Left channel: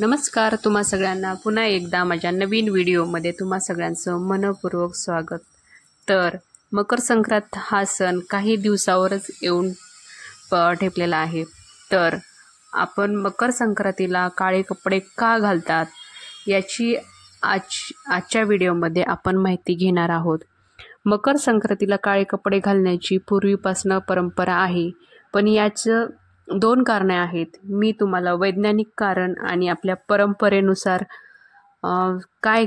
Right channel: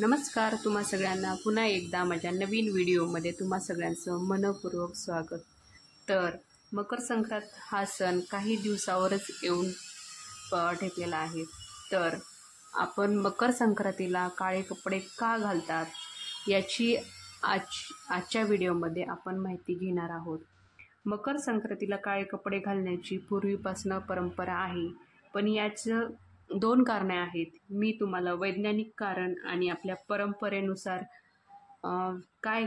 नमस्कार तुम्हा सगळ्यांना पुन्हा एकदा माझ्या नवीन व्हिडिओमध्ये तुम्हा सगळ्यांचं मनपूर्वक स्वागत। तर मकर संक्रांत हा सण काही दिवसावरच येऊन ठेपलेला आहे। तर आपण मकर संक्रांतीला काळे कपडे का घालतात याची आजच्या व्हिडिओमध्ये आपण माहिती घेणार आहोत। मकर संक्रांतीला काळे कपडे घालण्याची पूर्वीपासून परंपरा आहे, पण याचं दोन कारणे आहेत। मी तुम्हाला वैज्ञानिक कारण आणि आपल्या परंपरेनुसार काय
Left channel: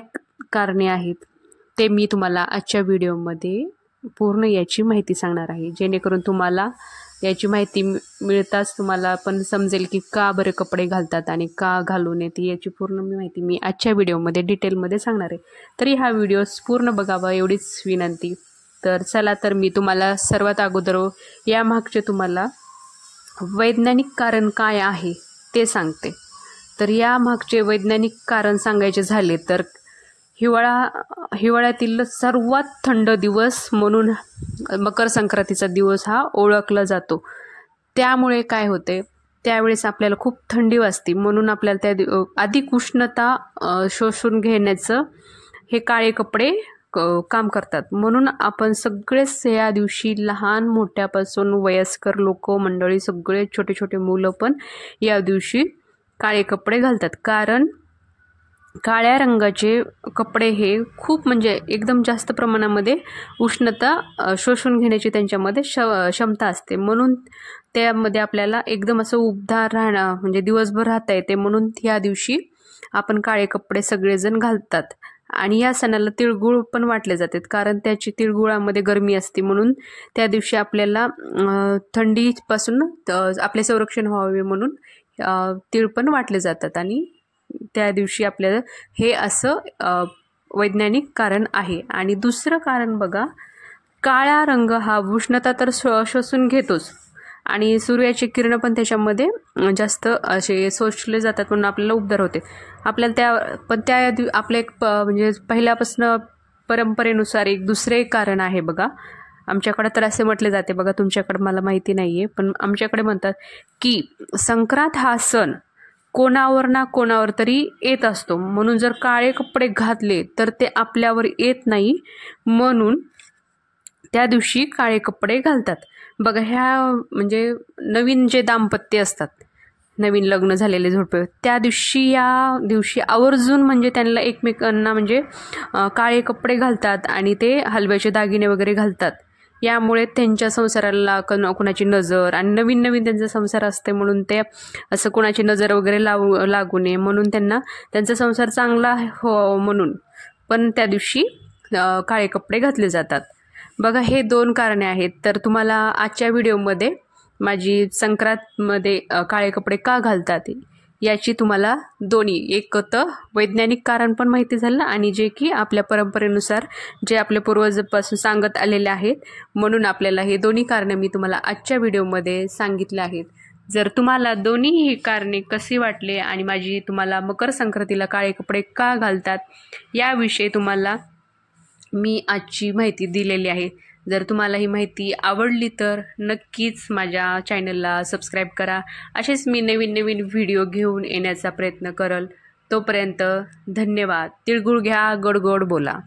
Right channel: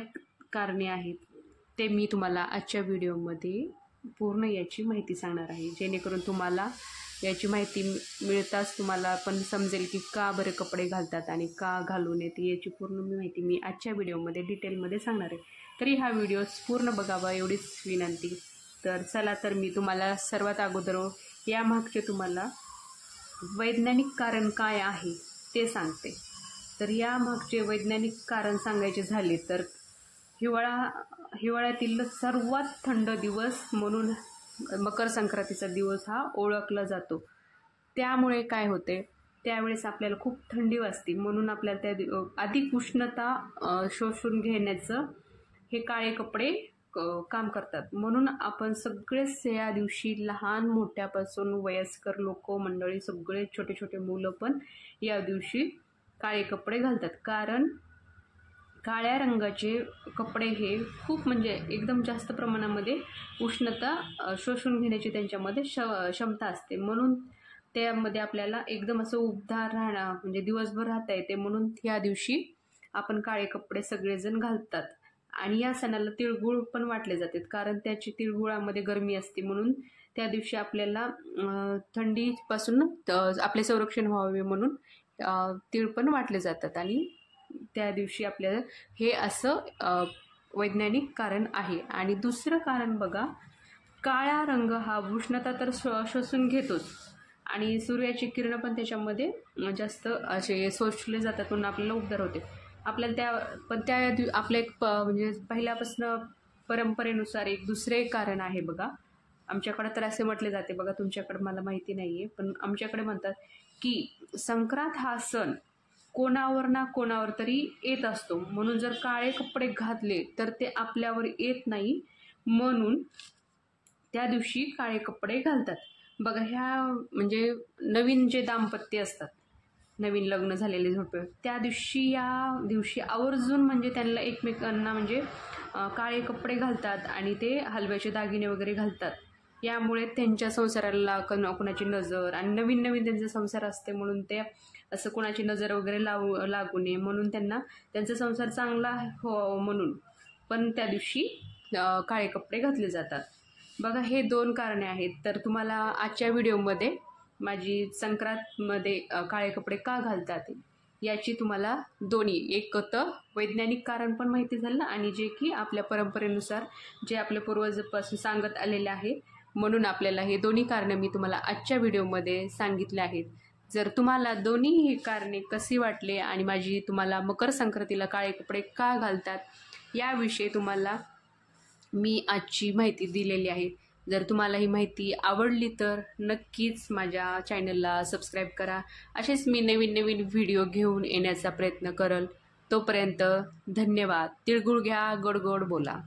कारणे आहेत ते मी तुम्हाला आजच्या व्हिडिओमध्ये पूर्ण याची माहिती सांगणार आहे, जेणेकरून तुम्हाला याची माहिती मिळताच तुम्हाला पण समजेल की का बरे कपडे घालतात आणि का घालू नयेत याची पूर्ण माहिती मी आजच्या व्हिडिओमध्ये डिटेलमध्ये सांगणार आहे। तरी हा व्हिडिओ पूर्ण बघावा एवढीच विनंती। तर चला, तर मी तुम्हाला सर्वात अगोदर यामागचे तुम्हाला वैज्ञानिक कारण काय आहे ते सांगते। तर या मागचे वैज्ञानिक कारण सांगायचे झाले तर हिवाळ्यातील सर्वात थंड दिवस म्हणून मकर संक्रांतीचा दिवस हा ओळखला जातो। त्यामुळे काय होते, त्यावेळेस आपल्याला खूप थंडी वाजते, म्हणून आपल्याला त्या अधिक उष्णता शोषून घेण्याचं हे काळे कपडे काम करतात। म्हणून आपण सगळेच या दिवशी लहान मोठ्यापासून वयस्कर लोक मंडळी सगळे छोटे छोटे मुलं पण या दिवशी काळे कपडे घालतात, कारण काळ्या रंगाचे कपडे हे खूप म्हणजे एकदम जास्त प्रमाणामध्ये उष्णता शोषून घेण्याची त्यांच्यामध्ये क्षमता असते। म्हणून त्यामध्ये आपल्याला एकदम असं उबदार राहणं म्हणजे दिवसभर राहता येते, म्हणून या दिवशी आपण काळे कपडे सगळेजण घालतात। आणि या सणाला तिळगुळ पण वाटले जातात, कारण त्याची तिळगुळामध्ये गरमी असते, म्हणून त्या दिवशी आपल्याला थंडीपासून आपले संरक्षण व्हावे म्हणून तिळ पण वाटले जातात। आणि त्या दिवशी आपल्याला हे असं वैज्ञानिक कारण आहे। आणि दुसरं कारण बघा, काळा रंग हा उष्णता तर शोषून घेतोच आणि सूर्याची किरणं पण त्याच्यामध्ये जास्त असे शोषले जातात, म्हणून आपल्याला उबदार होते। आपल्याला आपलं एक म्हणजे पहिल्यापासून परंपरेनुसार एक दुसरे कारण आहे बघा। आमच्याकडे तर असे म्हटले जाते बघा, तुमच्याकडे मला माहिती नाही आहे, पण आमच्याकडे म्हणतात की संक्रांत हा सण कोणावर ना कोणावर तरी येत असतो, म्हणून जर काळे कपडे घातले तर ते आपल्यावर येत नाही, म्हणून त्या दिवशी काळे कपडे घालतात बघा। ह्या म्हणजे नवीन जे दाम्पत्य असतात, नवीन लग्न झालेले जोडपे, त्या दिवशी या दिवशी आवर्जून म्हणजे त्यांना एकमेकांना म्हणजे काळे कपडे घालतात आणि ते हलव्याचे दागिने वगैरे घालतात। यामुळे त्यांच्या संसाराला कोणाची नजर आणि नवीन नवीन त्यांचा संसार असते, म्हणून ते असं कोणाची नजर वगैरे लागू नये म्हणून त्यांचा संसार चांगला हो म्हणून पण त्या दिवशी काळे कपडे घातले जातात बघा। हे दोन कारणे आहेत। तर तुम्हाला आजच्या व्हिडिओमध्ये माझी संक्रांतमध्ये काळे कपडे का घालतात याची तुम्हाला दोन्ही एक तर वैज्ञानिक कारण पण माहिती झालं आणि जे की आपल्या परंपरेनुसार जे आपल्या पूर्वजांपासून सांगत आलेले आहेत, म्हणून आपल्याला हे दोन्ही कारणे मी तुम्हाला आजच्या व्हिडिओमध्ये सांगितले आहेत। जर तुम्हाला दोन्ही ही कारणे कशी वाटले आणि माझी तुम्हाला मकर संक्रांतीला काळे कपडे का घालतात याविषयी तुम्हाला मी आजची माहिती दिलेली आहे। जर तुम्हाला ही माहिती आवडली तर नक्कीच माझ्या चॅनलला सबस्क्राईब करा। असेच मी नवीन नवीन व्हिडिओ घेऊन येण्याचा प्रयत्न करेल। तोपर्यंत धन्यवाद। तिळगुळ घ्या, गोड गोड बोला।